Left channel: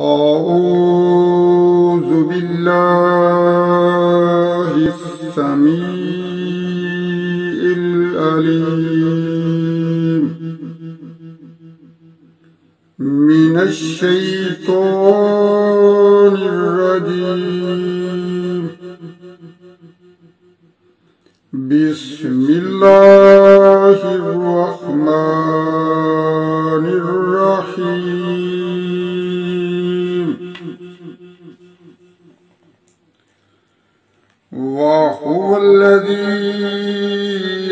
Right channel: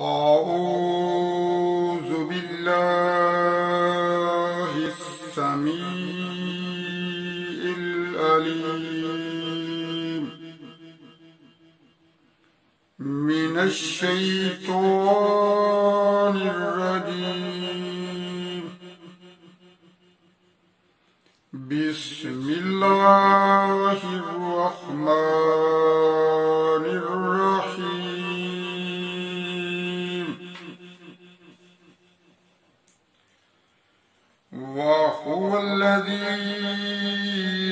أعوذ بالله السميع العليم من الشيطان الرجيم. بسم الله الرحمن الرحيم. وهو الذي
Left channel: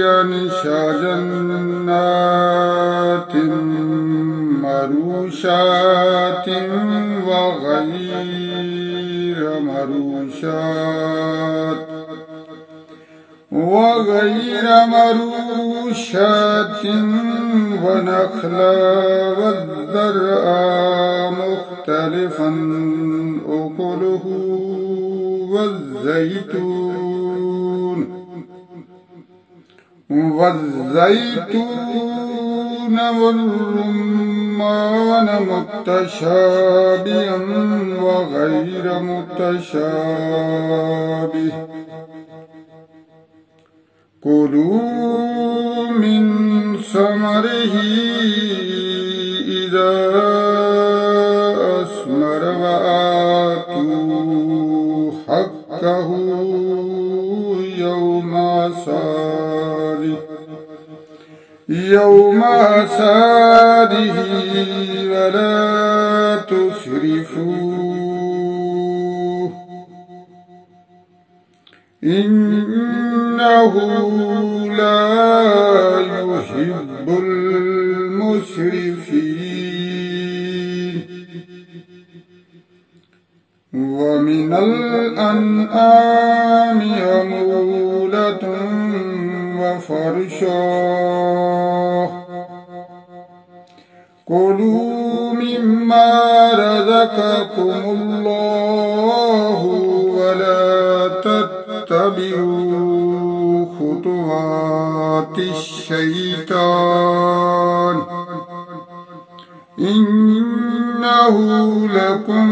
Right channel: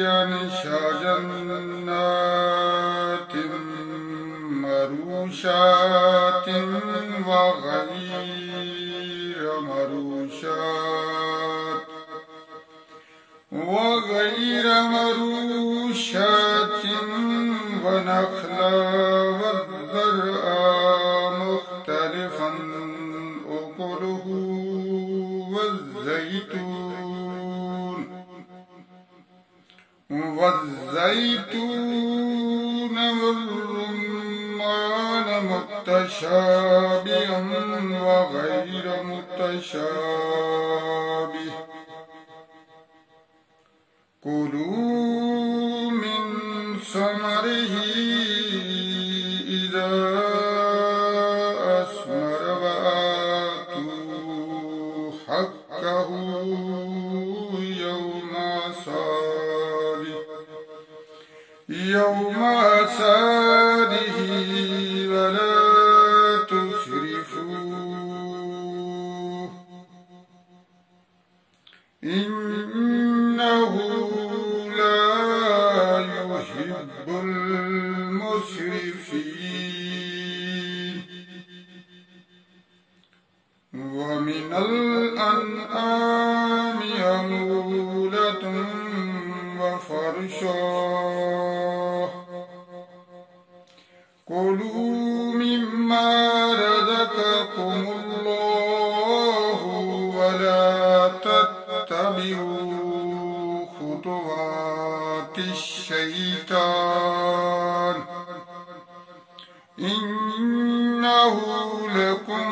ينشأ جنات مروشات وغير مروشات ونخلا والزرع مختلفا أكله والزيتون والرمان متشابها وغير متشابه. كلوا من ثمره إذا أثمر وآتوا حقه يوم حصاده ولا تسرفوا إنه لا يحب المسرفين. ومن الأنعام حمولة وفرشا. كلوا مما رزقكم الله ولا تتبعوا خطوات الشيطان إنه لكم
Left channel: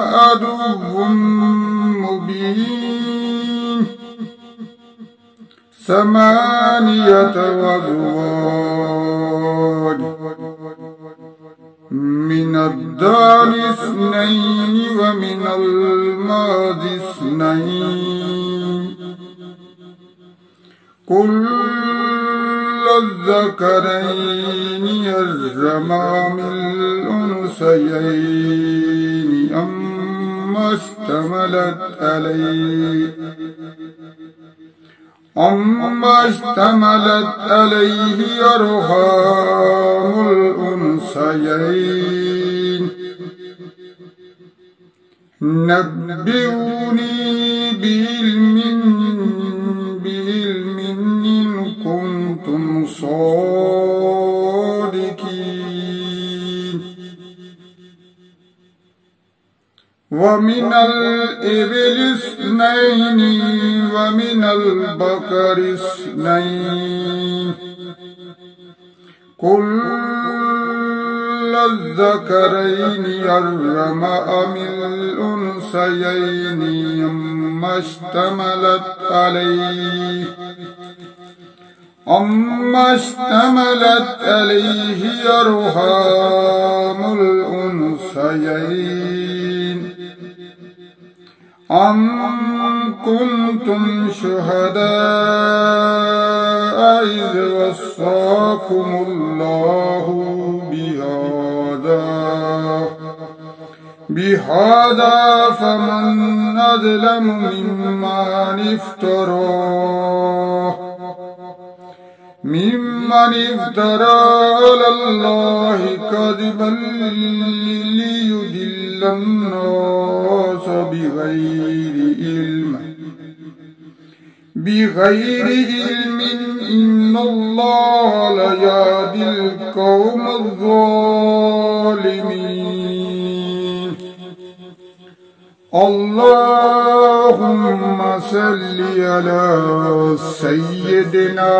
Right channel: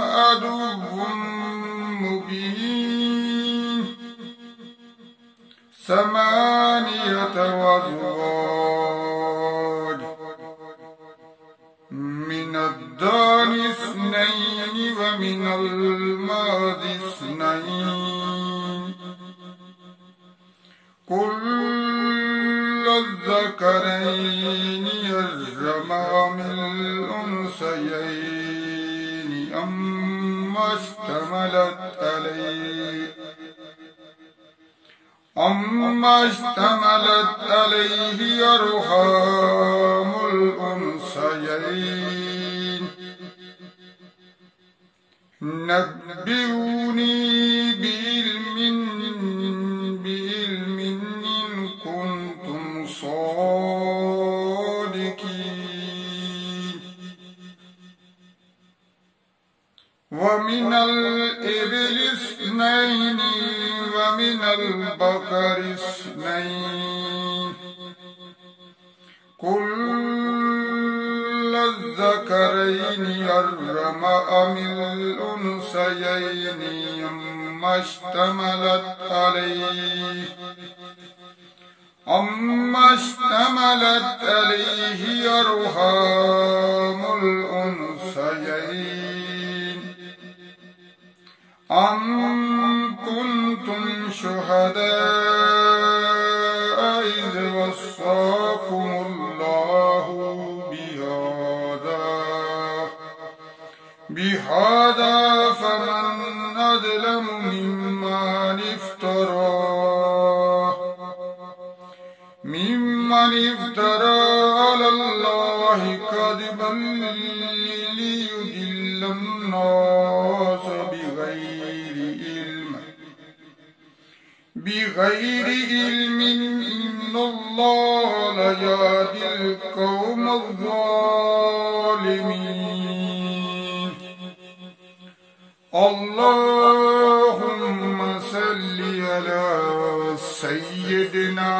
عدو مبين. 8 أزواج من الضأن 2 ومن المعز 2 كل الذكرين حرم أم الأنثيين أما اشتملت عليه أرحام الأنثيين. نبئوني بعلم إن كنتم صادقين. ومن الإبل 2 ومن البقر 2 كل الذكرين حرم أم الأنثيين أما اشتملت عليه أرحام الأنثيين. أم كنتم شهداء إذ وصاكم الله بهذا فمن أظلم ممن افترى على الله كذبا ليضل الناس بغير علم إن الله لا يهدي القوم الظالمين. اللهم صل على سيدنا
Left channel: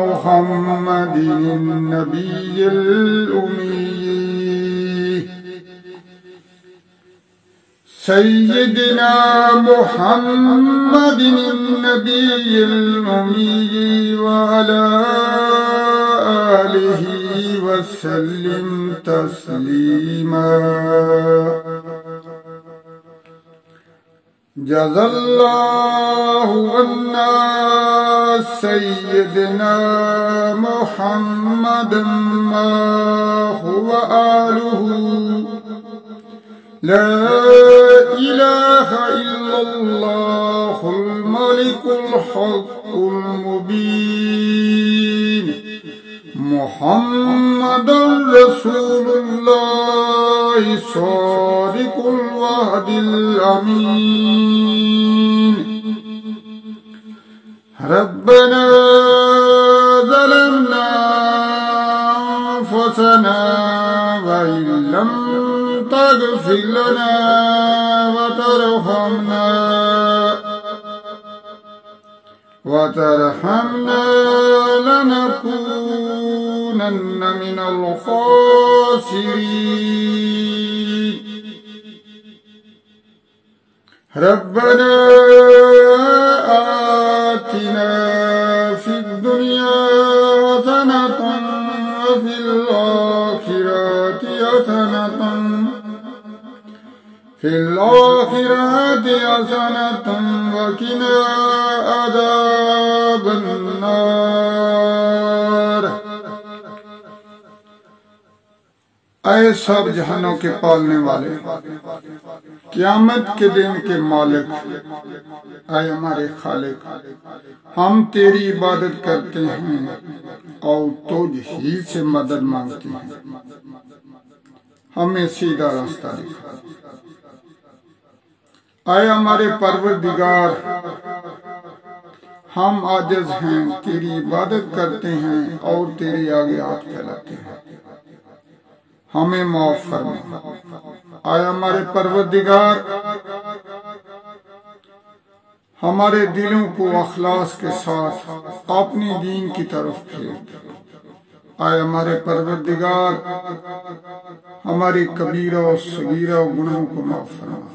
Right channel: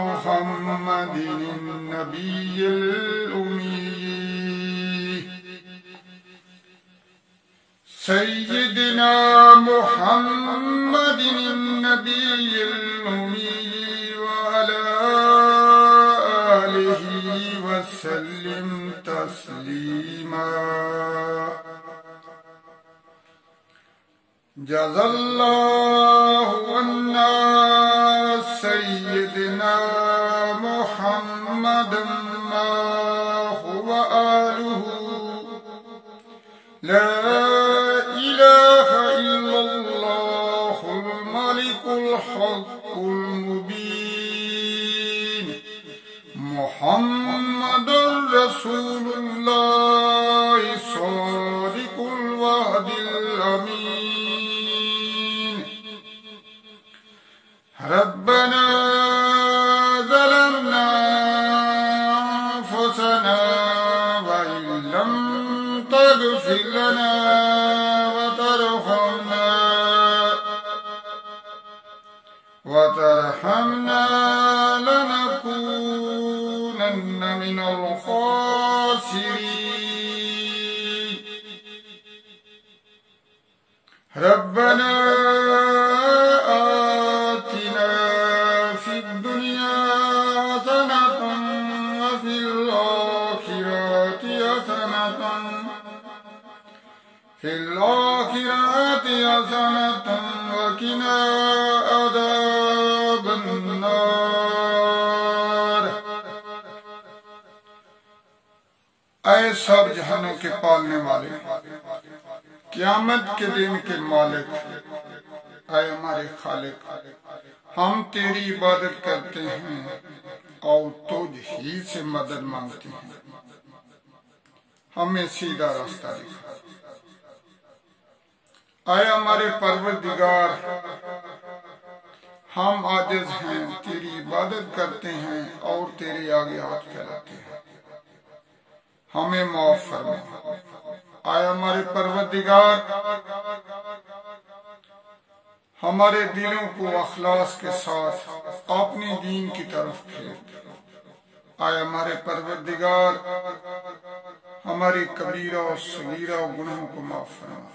محمد النبي الأمي सय्यदना मुहम्मदिन नबील उम्मी व अला आलिहि वसल्लिम तस्लीमा। जज़ल्लाहु अन्ना सय्यदना मुहम्मदन मा हुवा आलुहु ला इलाहा इल्लल्लाहुल मलिकुल हक़्क़ुल मुबीन मुहम्मदुर रसूलुल्लाह सादिकुल वअदिल अमीन। रब्बना ज़लमना अनफुसना व इल्लम तग़फिर लना वतरहमना लनकूनन्न मिनल खासिरीन। रब्बना आतिना फिद दुनिया हसनतन व फिल आखिरति हसनतन व क़िना अज़ाबन नार। ऐ सब जहानों के पालने वाले, क़यामत के दिन के मालिक, ऐ हमारे खालिक, हम तेरी इबादत करते हैं और तुझ ही से मदद मांगते हैं। हमें सीधा रास्ता दिखा। ऐ हमारे परवरदिगार, हम आजिज़ हैं, तेरी इबादत करते हैं और तेरे आगे हाथ फैलाते हैं, हमें माफ फरमा। ऐ हमारे परवरदिगार, हमारे दिलों को अखलास के साथ अपने दीन की तरफ फेर। ऐ हमारे परवरदिगार, हमारी कबीरा और सगीरा गुनाहों को माफ फरमा।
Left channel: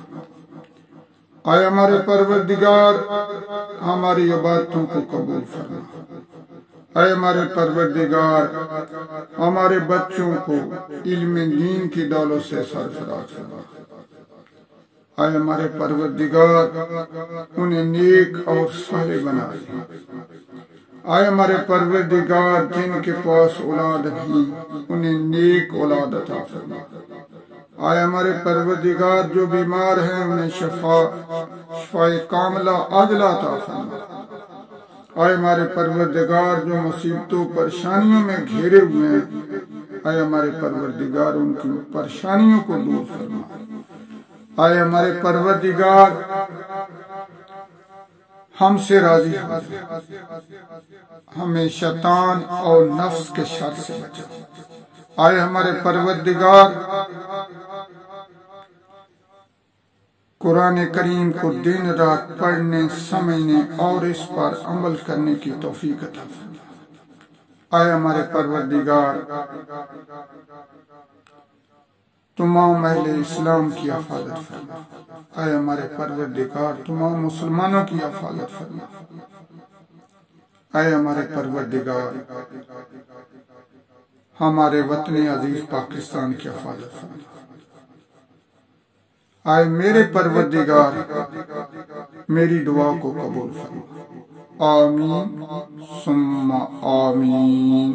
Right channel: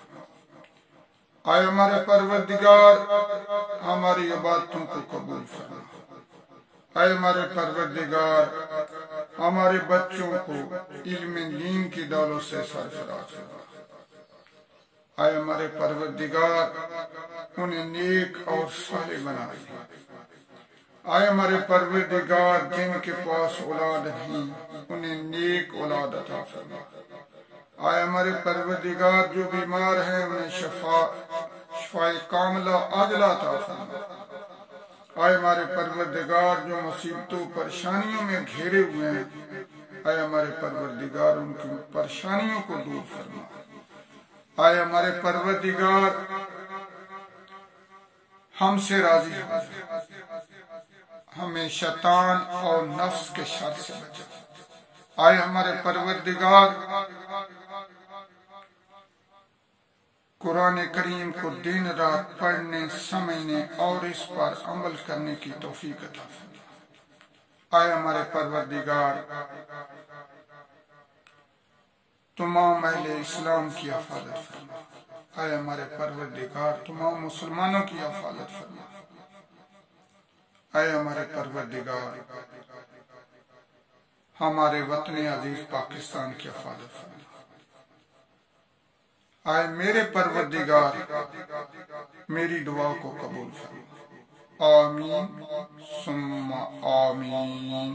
आए हमारे परवरदिगार, हमारी इबादतों को कबूल फरमा। आए हमारे परवरदिगार, हमारे बच्चों को इल्म दीन की दौलत से सरफराज फरमा। आए हमारे परवरदिगार, उन्हें नेक और साले बना दे। आए हमारे परवरदिगार, जिनके पास औलाद नहीं, उन्हें नेक औलाद अता फरमा। आए हमारे परवरदिगार, जो बीमार हैं उन्हें शफाए कामिला आजिला अता फरमा। आए हमारे परवरदिगार, जो मुसीबतों परेशानियों में घिरे हुए हैं, आए हमारे परवरदिगार, उनकी परेशानियों को दूर फरमा। आए हमारे परवरदिगार, हमसे राजी हो, हमें शैतान और नफ्स के शर से बचा। आए हमारे परवरदिगार, कुरान करीम को दिन रात पढ़ने, समझने और इस पर अमल करने की तौफीक अता फरमा। आए हमारे परवरदिगार, तमाम अहले इस्लाम की हिफाजत फरमा। आए हमारे परवरदिगार, तमाम मुसलमानों की हिफाजत फरमा। आए हमारे परवरदिगार, हमारे वतन अजीज पाकिस्तान की हिफाजत फरमा। आए मेरे परवरदिगार, मेरी दुआ को कबूल फरमा। आमीन सुम्मा आमीन।